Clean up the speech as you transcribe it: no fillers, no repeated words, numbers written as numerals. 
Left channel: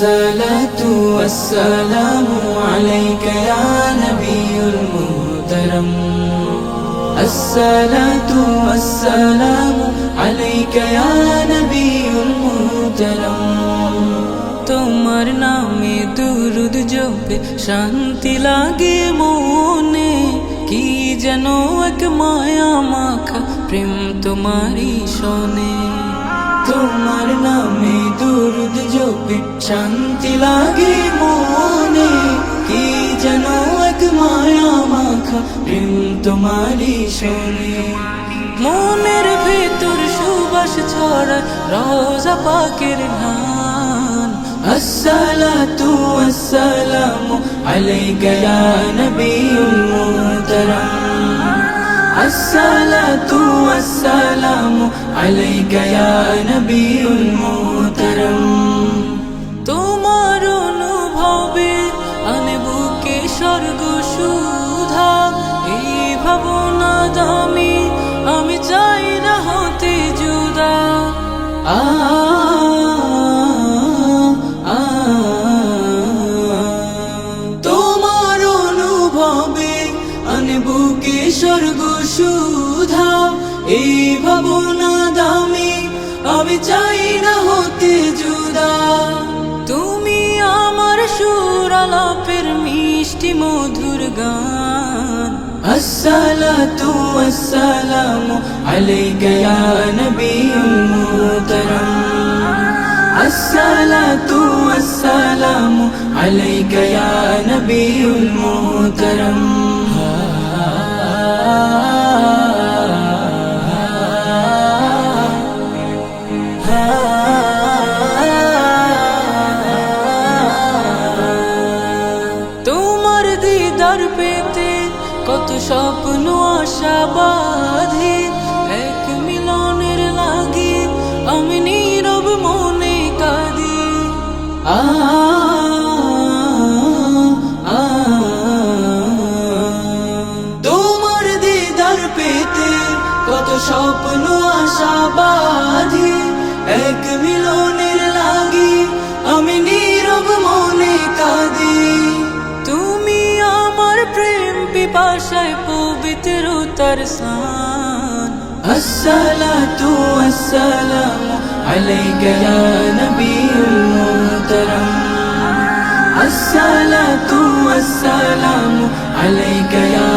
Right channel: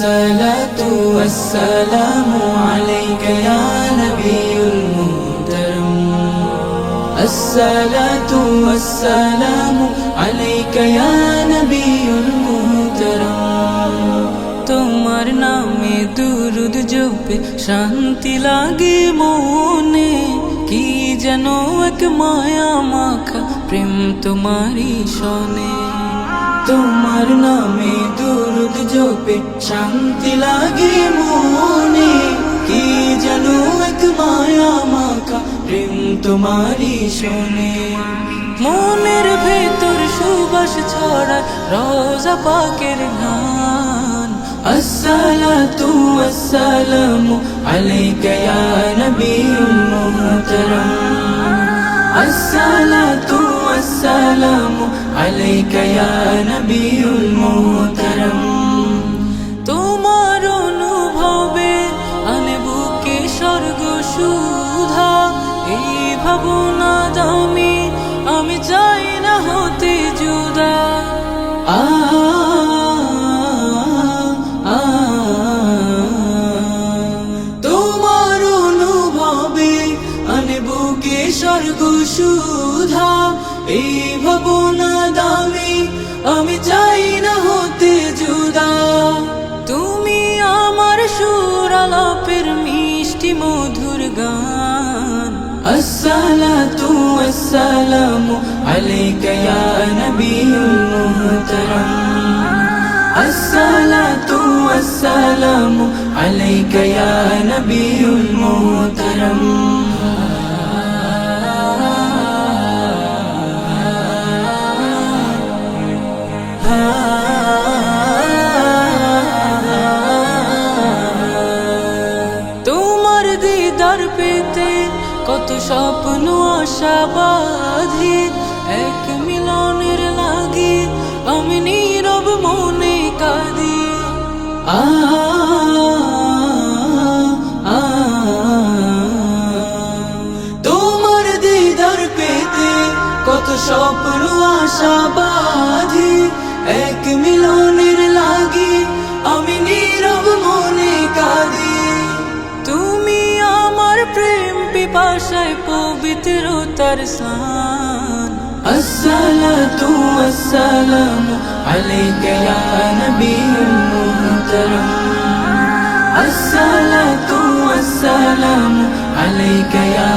الصلاة والسلام عليك يا نبي المحترم الصلاة والسلام عليك يا نبي المحترم তোমার নামে দুরুদ জপে শান্তি লাগে মনে কি যেন এক মায়া মাখা প্রেম তোমারই শোনে তোমার নামে দুরুদ জপে শান্তি লাগে মনে কি যেন এক মায়া মাখা প্রেম তোমারই শোনে মনের ভেতর সুবাস ছড়ায় রোজা পাকের ঘ্রাণ الصلاة والسلام عليك يا نبي المحترم الصلاة والسلام عليك يا نبي المحترم তোমার অনুভবে আনে বুকে স্বর্গ সুধা এই ভাবনা দামি আমি চাই না হতে জুদা তোমার অনুভবে আনে বুকে স্বর্গ সুধা এই ভাবনা দামি আমি চাই না হতে জুদা তুমি আমার সুর আলাপের মিষ্টি মধুর গান الصلاة والسلام عليك يا نبي المحترم الصلاة والسلام عليك يا نبي المحترم তোমার দিদার পেতে কত স্বপ্ন আশা বাঁধি এক মিলনের লাগি আমি নীরব মনে কাঁদি তোমার দিদার পেতে কত স্বপ্ন আশা বাঁধি এক মিলনের লাগি আমি নীরব মনে কাঁদি তুমি আমার প্রেম পিপাসায় পবিত্রতার সান الصلاة والسلام عليك يا نبي المحترم الصلاة والسلام عليك يا